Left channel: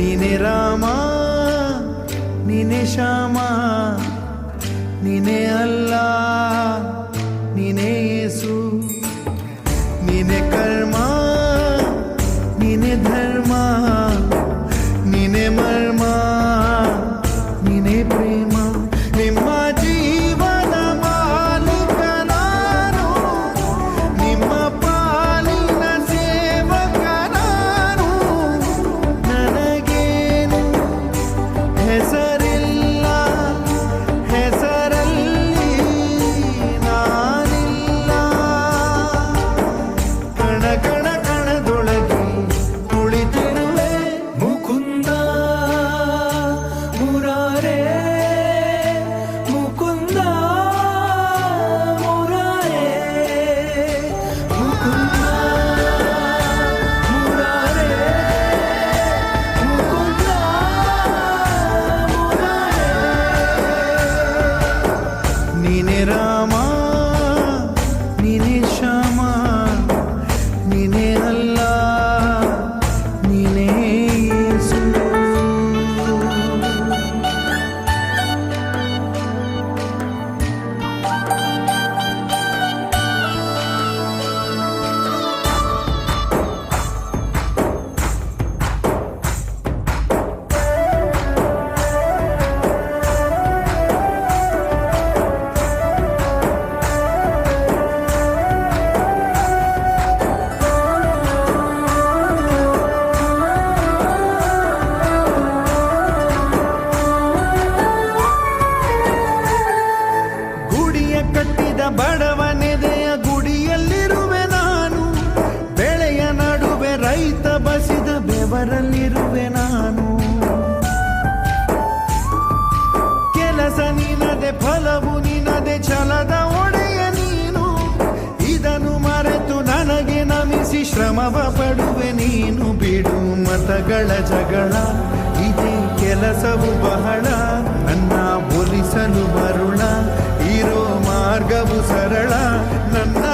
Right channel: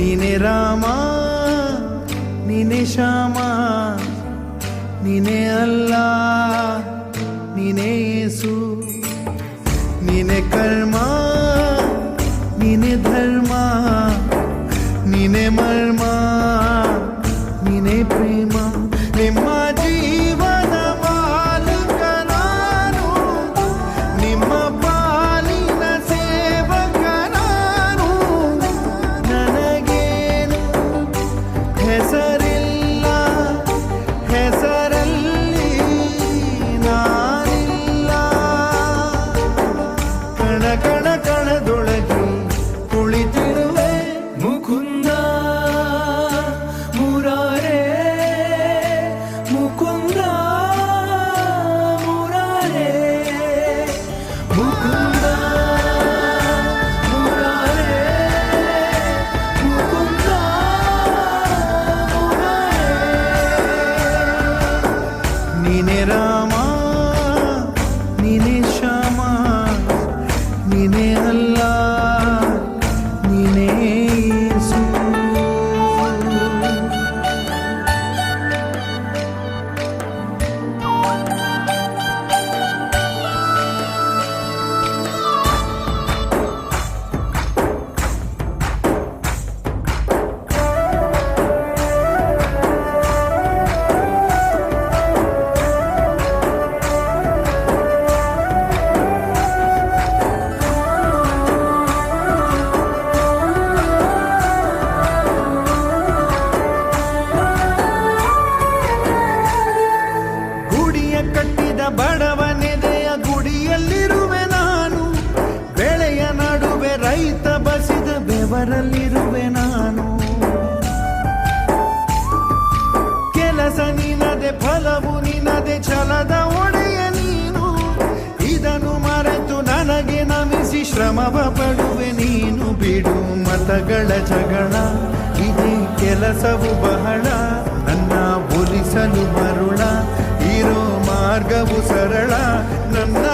ನೀನೆ ರಾಮ ನೀನೆ ಶ್ಯಾಮ ನೀನೆ ಅಲ್ಲ ನೀನೆ ಯೇಸು ನೀನೆ ಕರ್ಮ ನೀನೆ ಧರ್ಮ ನೀನೆ ಮರ್ಮ ನೀನೆ ಪ್ರೇಮ ನಿಮ್ಮ ಜೀವನ ಮಾಲೀಕ ನಾನು ನಿಮ್ಮ ಪಾಲಿನ ಸೇವಕ ನಾನು ನನಗೇನು ಹೆಸರಿಲ್ಲ ಹೆಸರಲ್ಲಿ ನಾನಿಲ್ಲ ಕಣ ಕಣ ಕಣದೊಳಗೆ ಕುಳಿತಿರುವೆ ಮುಕುಂದ ಮುರಾರೇ ಮುಕುಂದ ಮುರಾರೇ ಮುಕುಂದ ನೀನೆ ರಾಮ ನೀನೆ ಶ್ಯಾಮ ನೀನೆ ಅಲ್ಲ ನೀನೇ ಯೇಸು ಗುಡಿಯ ಕಟ್ಟಿದ ಬಡವನೆದೆಯ ಗುಡಿಯಲ್ಲಿರುವೆ ನಾನು ಬೆಳೆಯ ನಡುವೆ ರೈತ ಬಸಿದ ಬೆವರಲ್ಲಿರುವೆ ನಾನು ಕೆಲಸ ನಿನದೆ ಫಲವು ನಿನದೆ ಛಲದ ಒಡೆಯ ನೀನು ಇದನ್ನು ಮರೆತು ನನಗೆ ನಮಿಸಿ ಶ್ರಮವ ಪಡುವೆ ನೀನು ಬಿಡು ಮತಗಳ ಜಗಳ ಇದೇ ಕೆಲಸವು ಬಹಳ ನನ್ನ ಒಲಿಸಲು ಮರುಳ ಇರೋ ಮಾರ್ಗವು ಸರಳ ನನ್ನ